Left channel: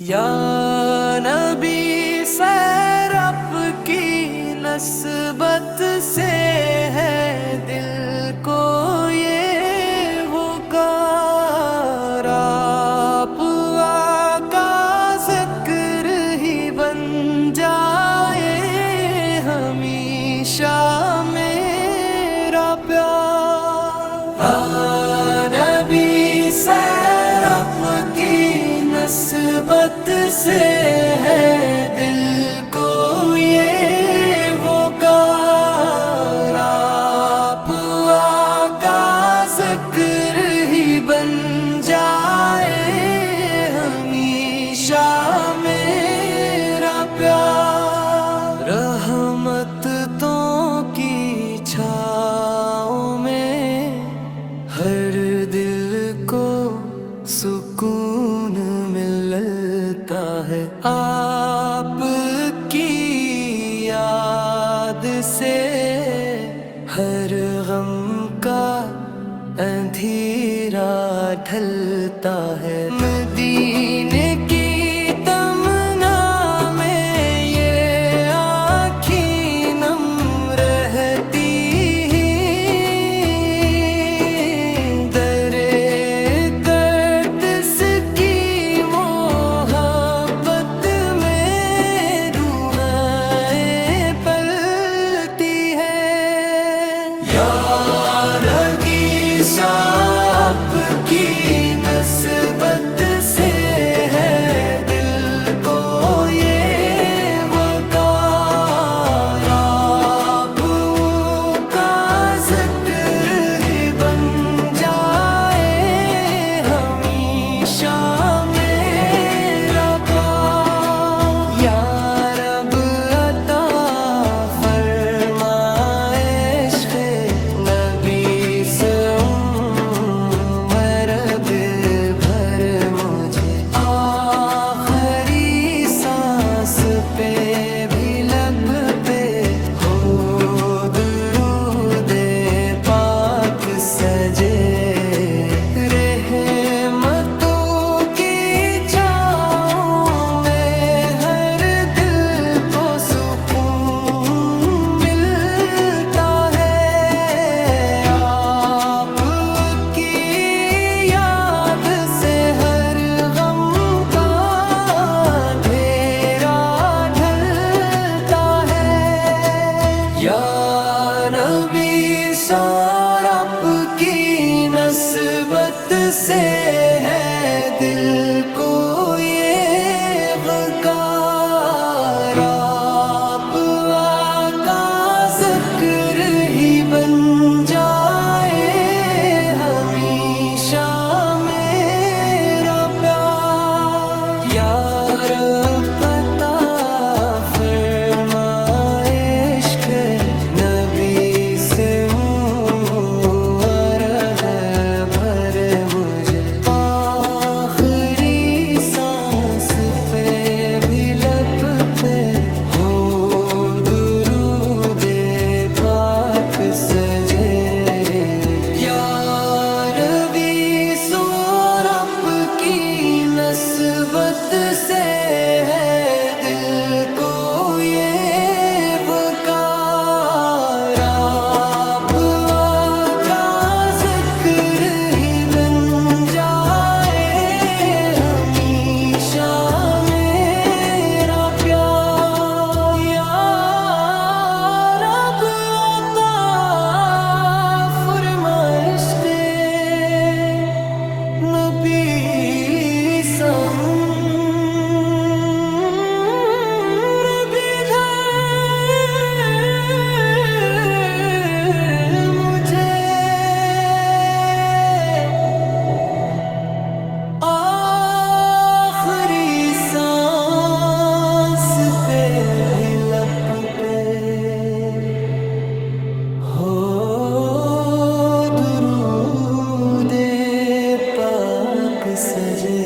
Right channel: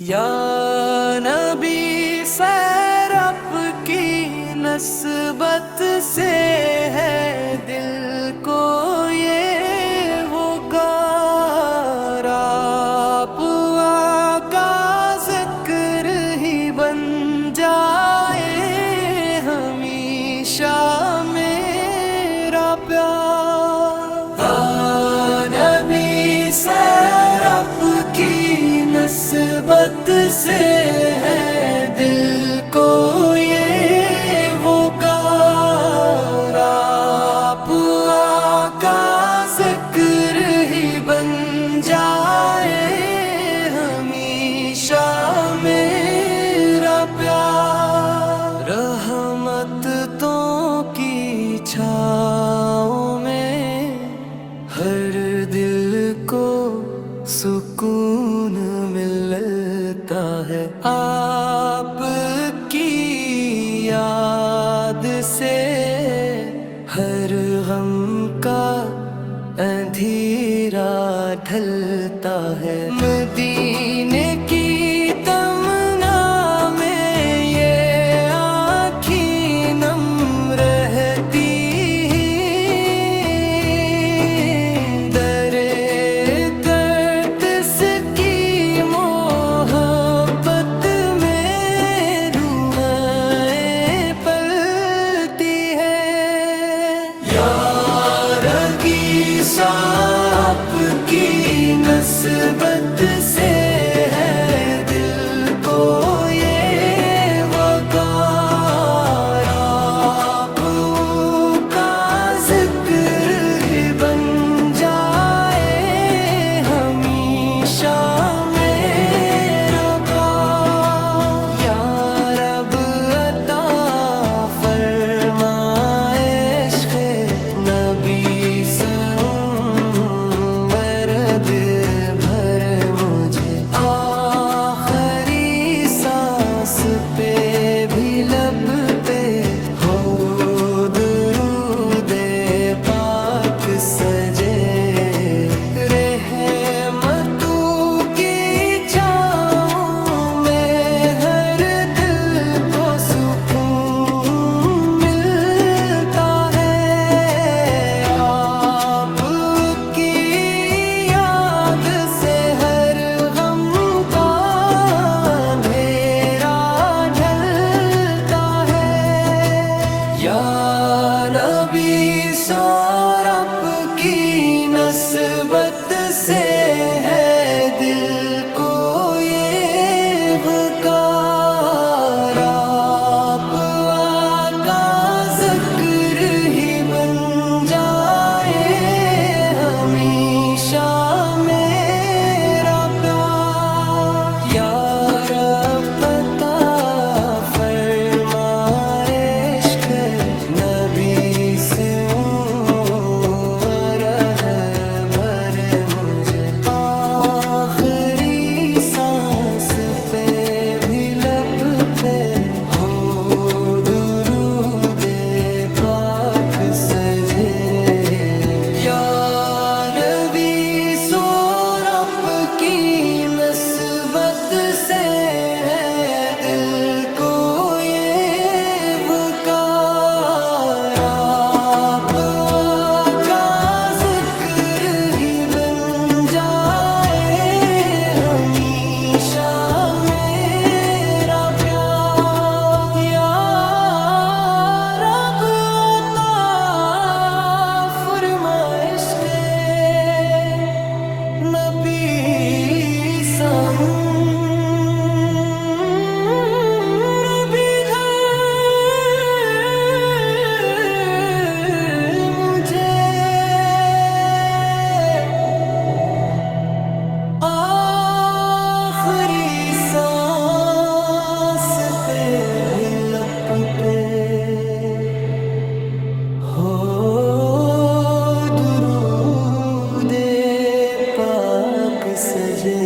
یا نبی سیر آپ کی نسبت سے ہے دل کو یہ وہ گار، آپ آقا ذکر ہی بن جائے ہمیشہ میرا پیار۔ یا نبی سیر آپ کی نسبت سے ہے دل کو یہ وہ گار، آپ آقا ذکر ہی بن جائے ہمیشہ میرا پیار۔ رحمت تو کی چھاؤں میں ہر دل کو سکون ملتا ہے، آپ کی یاد سے ہر غم کا اندھیرا ڈھلتا ہے۔ مدینے کی تمنا میں یہ آنکھیں نم رہتی، آپ کی نسبت سے ہے دل کو یہ وقار، آپ کا ذکر ہی بن جائے ہمیشہ میرا پیار۔ یا رب عطا فرمائے عشق نبی سے بھر مجھے، آخری سانس پہ بھی لب پہ ہو درود پاک سجے، رحمتوں کی چھاؤں میں ہر دل کو سکون ملتا ہے، آپ کی یا نبی سار آپ کی نسبت سے ہے دل کو یہ وقار، آپ آقا ذکر ہی بن جائے ہمیشہ میرا پیار۔ یا رب عطا فرمائے عشق نبی سے عرض بھر مجھے، آخری سانس پہ بھی لب پہ ہو درود پاک سجے۔ یا نبی سور آپ کی نسبت سے ہے دل کو یہ وقار، آپ کا ذکر ہی بن جائے ہمیشہ میرا پیار۔ یا رب عطا فرمائے عشق نبی سم آخری سانس پہ بھی لب پہ ہو درود پاک سجے۔